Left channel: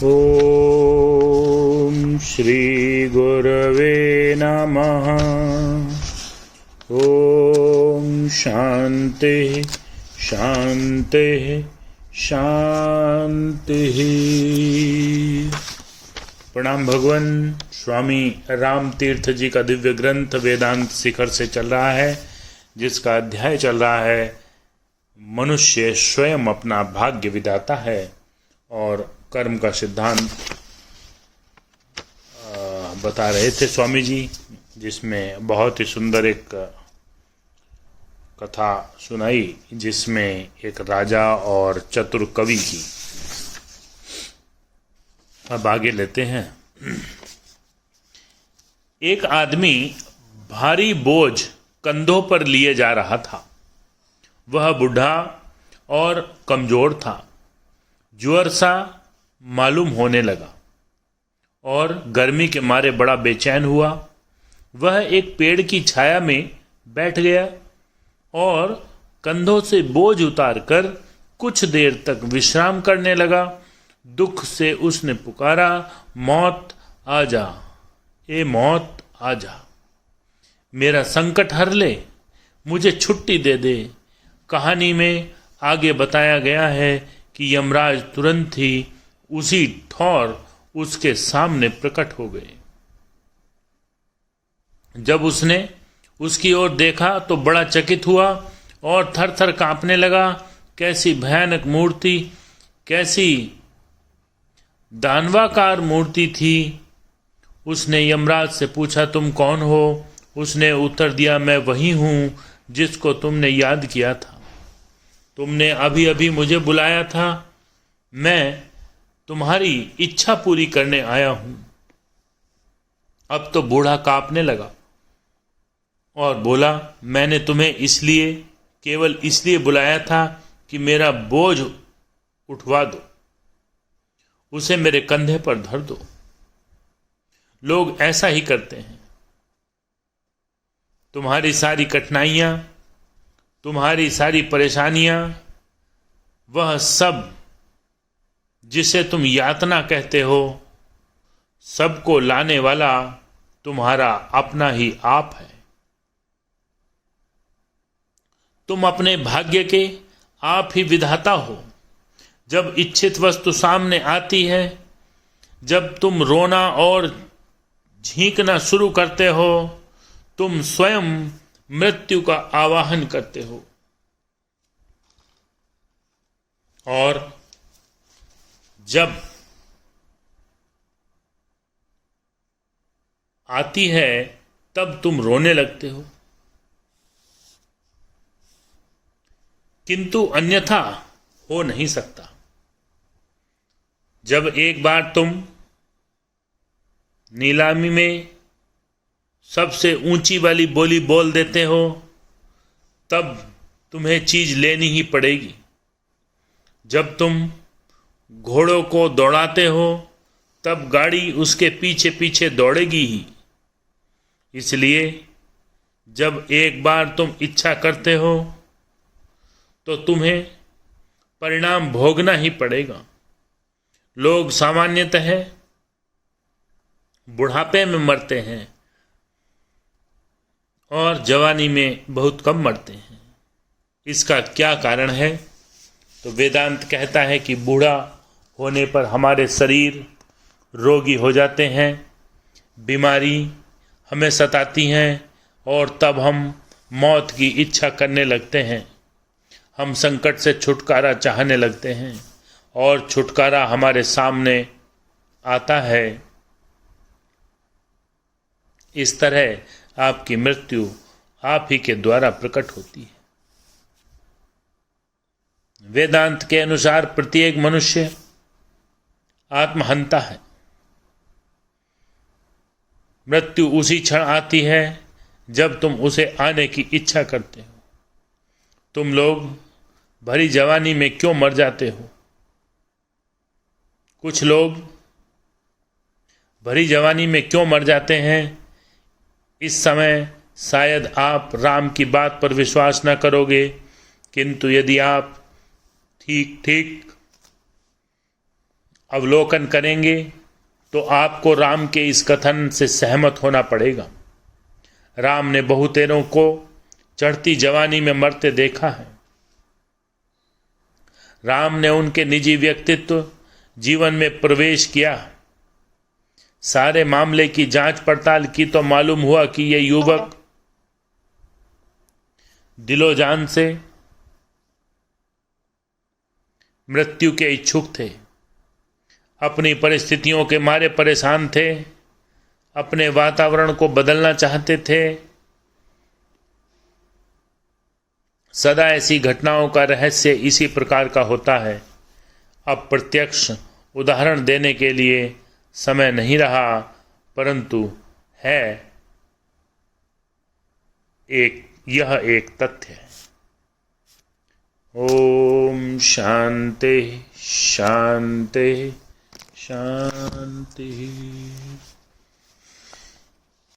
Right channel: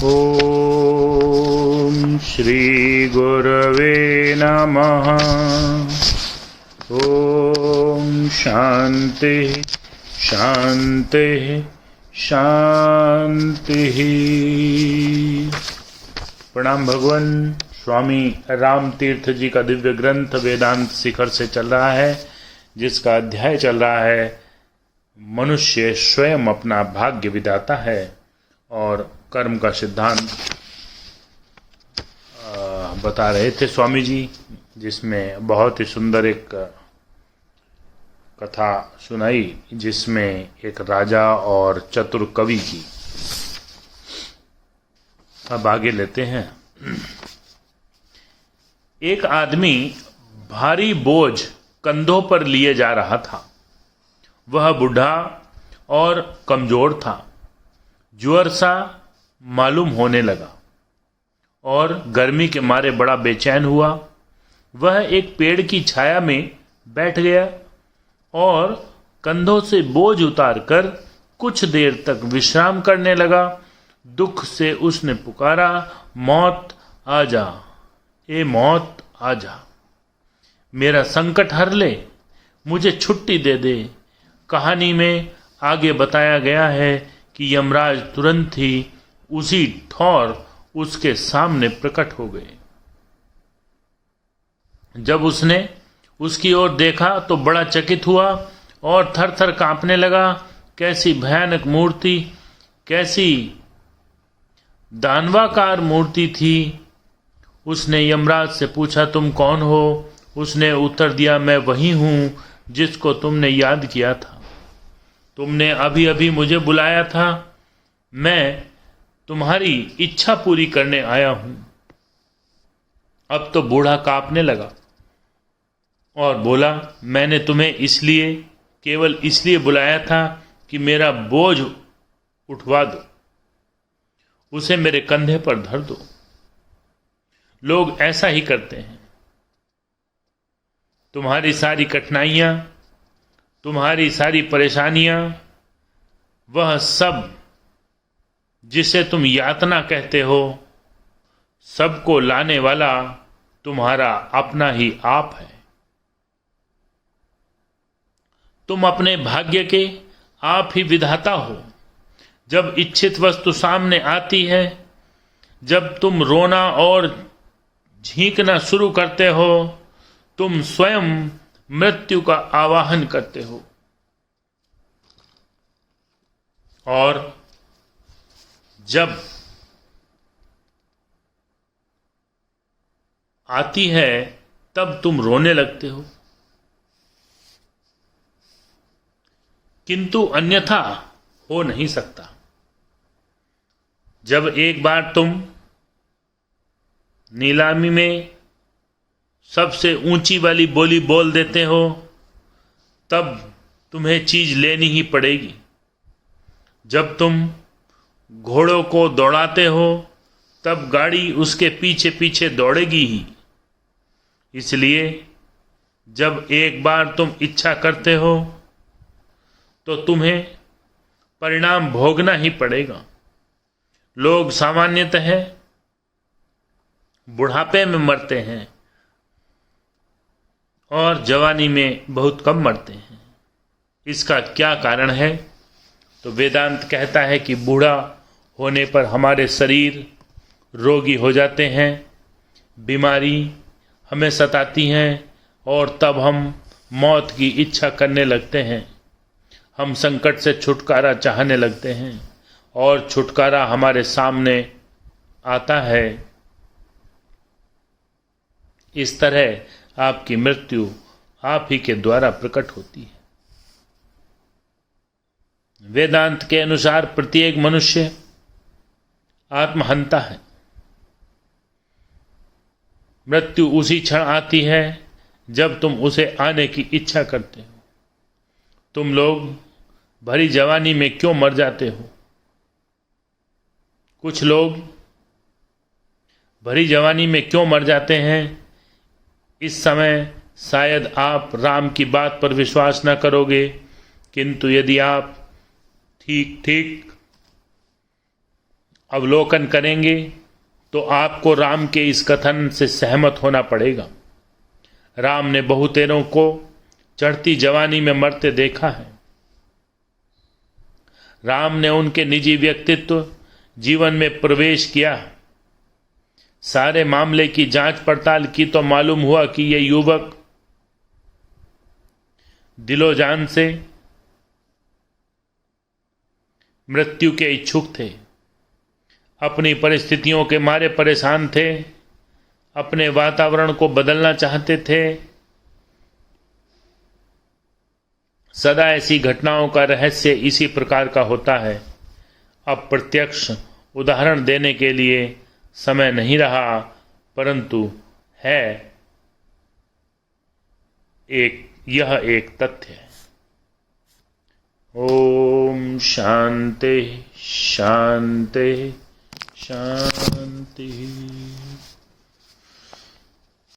ओम श्री गुरवे नमः। ओम शांति शांति शांति। प्रणाम भगवान। स्वामी राम तीर्थ जी का दिव्य ग्रंथ वेदांत शिखर से चल रहा है, जिसका अध्याय चल रहा है मनुष्य स्वयं अपना भाग्य विधाता है, और कर्म का सिद्धांत बता रहे थे स्वामी जी, जिसमें बहुत ही सुंदर एक कथा सुनाई, जिसमें एक राजा और चतुर कवि जी। अब आगे लेते हैं। एक आदमी भारी बोझ कंधों पर लिए जा रहा था। वह बूढ़ा और कमजोर था, ज्वर सा मालूम होने लगा और गर्मी के मारे बड़ा बेचैन हुआ। वह एक पेड़ की छाया में बैठ गया और कंधों से बोझ उतारकर कुछ देर तक विश्राम करने लगा। दुख से उसने पुकारा, मौत आ जा, ए मौत आ जा, मेरा संकट हर ले, मुझे छुट्टी दे दे। कहानी में आगे बताया गया है कि यमराज तुरंत ही उसी ठौर उसके सामने प्रकट हो गए। जब उसने उसकी ओर देखा तो बड़ा चकित हुआ और थर थर कांपने लगा। कैसी भयानक मूर्ति, कैसी दानवाकार मूर्ति थी। उसने यमराज से पूछा, तुम कौन हो? उसने उत्तर दिया, मैं वही हूं जिसको तुमने याद किया था। तुमने अभी अभी मुझे बुलाया था। मैं तुम्हारी इच्छा पूरी करने आया हूं। अब तो बूढ़ा कांपने लगा और बोला, मैंने तुम्हें इसलिए, केवल इसलिए बुलाया था कि मेरा बोझ उठवा दो, उसे मेरे कंधे पर धर दो। लोग ऐसा ही करते हैं। तुम्हारी सारी कठिनाइयां, तुम्हारी सारी परेशानियां, वह सब जिसे तुम यातना कहते हो, सबको लाने वाला तुम्हारा अपना ही आप है। तुम अपने भाग्य के आप ही विधाता हो। जब इच्छित वस्तु सामने आती है, जब तुम रोना और झींकना शुरू करते हो, तुम स्वयं मृत्यु का आवाहन करते हो। और जब आती है तब तुम रोने लगते हो, किंतु अन्यथा हो नहीं सकता। जब एक बार तुम नीलामी में सबसे ऊंची वाली बोली बोल देते हो, तब तुम्हें चीज लेनी ही पड़ेगी। जब तुम घोड़ों को दौड़ाते हो, तब गाड़ी उसके पीछे पीछे दौड़ेगी ही। इसलिए जब एक बार तुम इच्छा करते हो, तो तुम्हें परिणाम भोगना ही पड़ेगा। लोग सामान्यतः बुढ़ापे में मरते हैं और जवानी में बहुत कम मरते हैं। इसका क्या कारण है? तो वेदांत कहता है कि बूढ़ा होने पर हमारे शरीर रोगी हो जाते हैं, बीमारी हमें सताती हैं, और तब हम मौत की इच्छा करने लगते हैं। हम संकट से छुटकारा चाहने लगते हैं और छुटकारा हमारे सामने आता है। इस तरह आपकी मृत्यु आप ही के द्वारा प्रकट होती है। वेदांत के अनुसार प्रत्येक मनुष्य आत्महंता है। मृत्यु उसी क्षण आती है जब तुम उसे आने की इच्छा करते हो। तुम लोग भरी जवानी में क्यों मर जाते हो? कुछ लोग भरी जवानी में क्यों मर जाते हैं? इस समय शायद आप राम की बात पर विश्वास न करोगे, किंतु यदि आप ठीक ठीक अवलोकन करेंगे तो आपको राम के इस कथन से सहमत होना पड़ेगा। राम ने बहुतेरों को चढ़ती जवानी में मरते देखा है। राम ने उनके निजी व्यक्तित्व जीवन में प्रवेश किया। सारे मामले की जांच पड़ताल की तो मालूम हुआ कि ये युवक दिलो जान से मृत्यु के इच्छुक थे, अपनी परिस्थितियों के मारे परेशान थे, अपने वातावरण को बदलना चाहते थे। सदा ऐसी घटनाओं का रहस्य इसी प्रकार का होता है। अब प्रत्यक्ष उदाहरण देने के लिए समय नहीं रहा, परंतु यह एक तथ्य है। ओम शांति शांति शांति।